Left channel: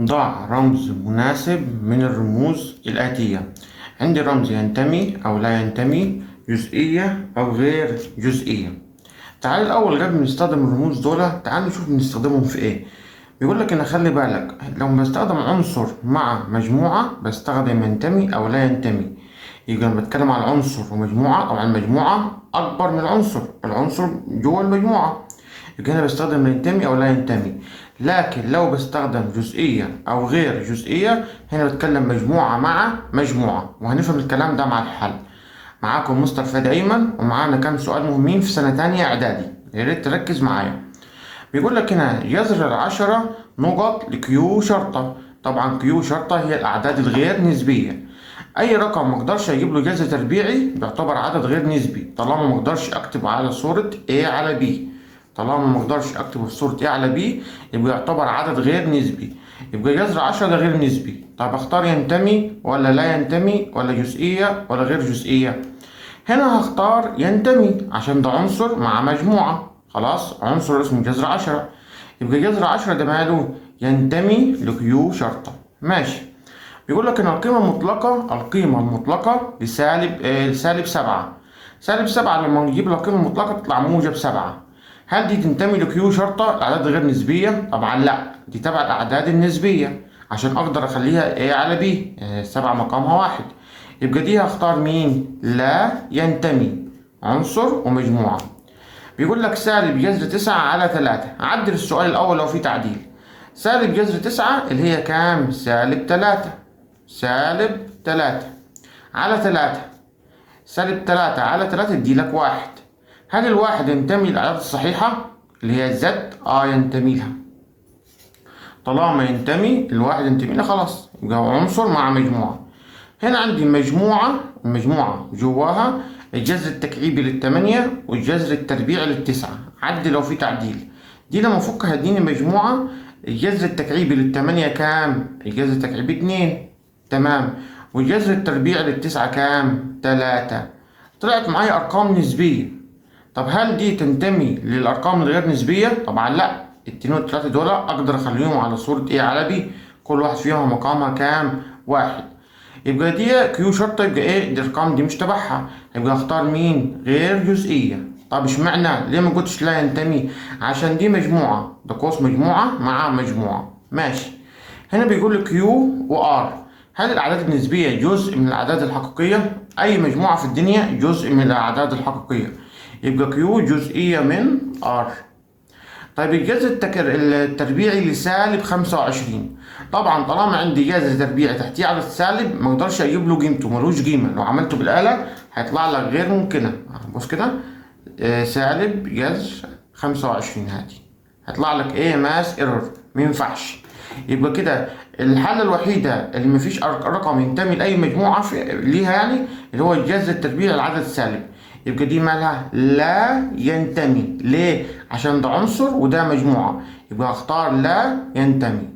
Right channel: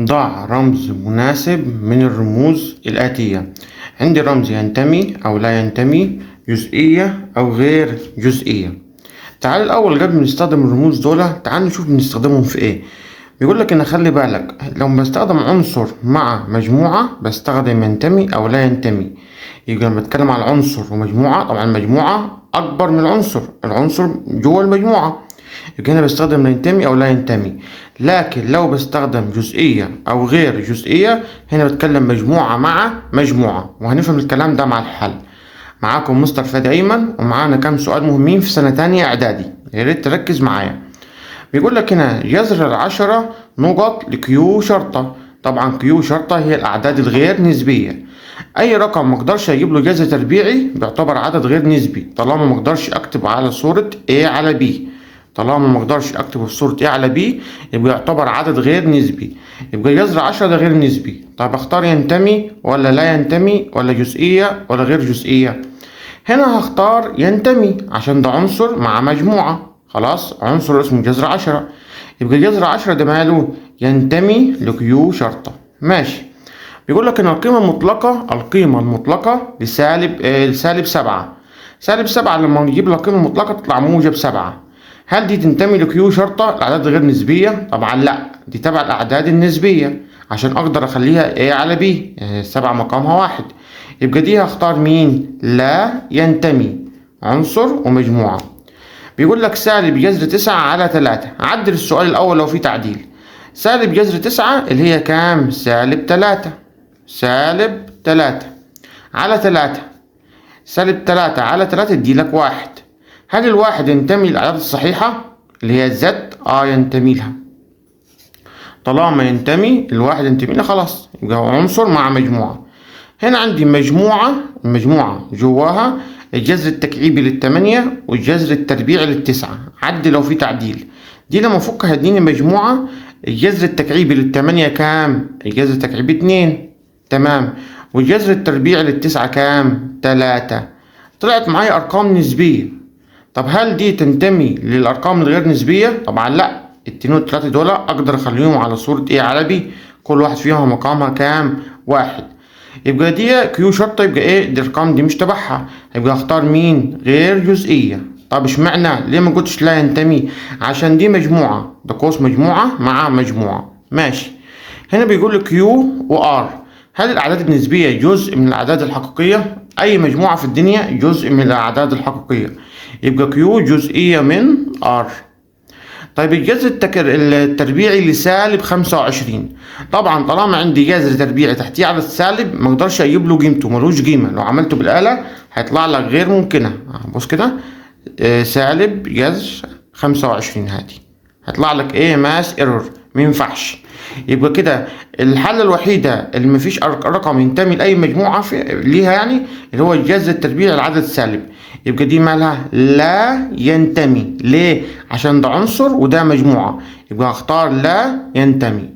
ضع رمز مناسب من الرموز الآتية. عندي رمز ينتمي أو لا ينتمي، جزئية أو غير جزئية. تعال الأول قبل ما نستخدم الرموز دول تعال نشوف بنستخدمهم في إيه. بيقول لك إن خلي بالك لو بستخدم عنصر مع مجموعة بستخدم ينتمي أو لا ينتمي. يبقى لما بتكلم على عنصر ومجموعة، طبعا المجموعة أكبر من العنصر جوه المجموعة، يبقى هنا بستخدم ينتمي أو لا ينتمي. لكن لو بستخدم جزئية أو غير جزئية هنا بتكلم مجموعة مع مجموعة، وهنفهم الكلام ده مع الحل. معاكم مستر فادي أيمن، ومعانا كام سؤال مهمين في سنة تانية إعدادي، يا ريت تركز معايا. بيقول لك هنا جذر 10 نقط لكيو شرطة. طبعا كيو شرطة هي الأعداد الغير نسبية. أي رقم مقدرش أجيب له جذر تربيعي بيعتبر عدد غير نسبي، طالما مقدرش أكتبه على صورة A على B. طالما مقدرش أكتبه في صورة A على B يبقى يعتبر عدد غير نسبي، يبقى جذر 10 ده غير نسبي. طب أختار ينتمي ولا لا ينتمي ولا جزئية ولا غير جزئية؟ هنا هختار ينتمي عشان ده عنصر مع مجموعة. خلاص، عنصر اسمه جذر 10، يبقى جذر 10 ده ماله؟ ينتمي لكيو شرطة. ماشي. بيقول لك ان القيمة المطلقة لسالب 7. سالب 7 لما نجيب القيمة المطلقة تطلع موجب 7. هل دي تنتمي لكيو شرطة الأعداد غير نسبية؟ طبعا لا، دي تبع الأعداد النسبية عشان أقدر أخليها A على B. 7 مقامها 1، يبقى دي هختار مين؟ لا ينتمي، عنصر ومجموعة. بيقول لك سالب جذر 9 على 3. عدل السؤال الأول لو في تعديل. سالب جذر 9 اللي هي كام؟ سالب 3. سالب 3 على 3. سالب 3 على 3 تديلك 1. هل الواحد ينتمي للأعداد الصحيحة اللي هي زد؟ ينتمي لها. طالما ينتمي الواحد ينتمي لها خلاص يبقى هو عنصر مع مجموعة. هنا عندي مجموعة جواها الجذر التكعيبي للتمانية والجذر التربيعي للتسعة. عدي لو في تعديل. دي لما افكها هتديني مجموعة الجذر التكعيبي للتمانية كام؟ الجذر التكعيبي 2. تمام. والجذر التربيعي للتسعة كام؟ 3. طلعت معايا أرقام نسبية. طب هل دي تنتمي للأرقام الغير نسبية؟ طبعا لا. الاتنين والتلاتة دول أقدر أخليهم على صورة A على B، كل واحد فيهم مقامها كام؟ 1. يبقى دي كيو شرطة، يبقى ايه؟ دي الارقام دي مش تبعها، يبقى اختار مين؟ غير جزئية. طب اشمعنى؟ ليه ما قلتش لا ينتمي؟ عشان دي مجموعة، ده قوس مجموعة مع مجموعة. ماشي. هنا بيقول لك كيو وار. هل الأعداد النسبية جزء من الأعداد الحقيقية؟ أي مجموعة في الدنيا جزء من الأعداد الحقيقية، يبقى كيو جزئية من ار. طيب الجذر التربيعي لسالب 25. طبعا طالما عندي جذر تربيعي تحتيه على السالب ما اقدرش اجيب له قيمته، ملوش قيمه. لو عملته بالاله هيطلع لك غير ممكنه. بص كده، سالب جذر 25 هادي هيطلع لك ايه؟ ماس ايرور، ما ينفعش. يبقى كده الحاله الوحيده اللي مفيش رقم ينتمي لاي مجموعه ليها يعني اللي هو الجذر التربيعي العدد السالب، يبقى دي مالها؟ لا ينتمي. ليه؟ عشان ده عنصر وده مجموعه، يبقى هختار لا ينتمي.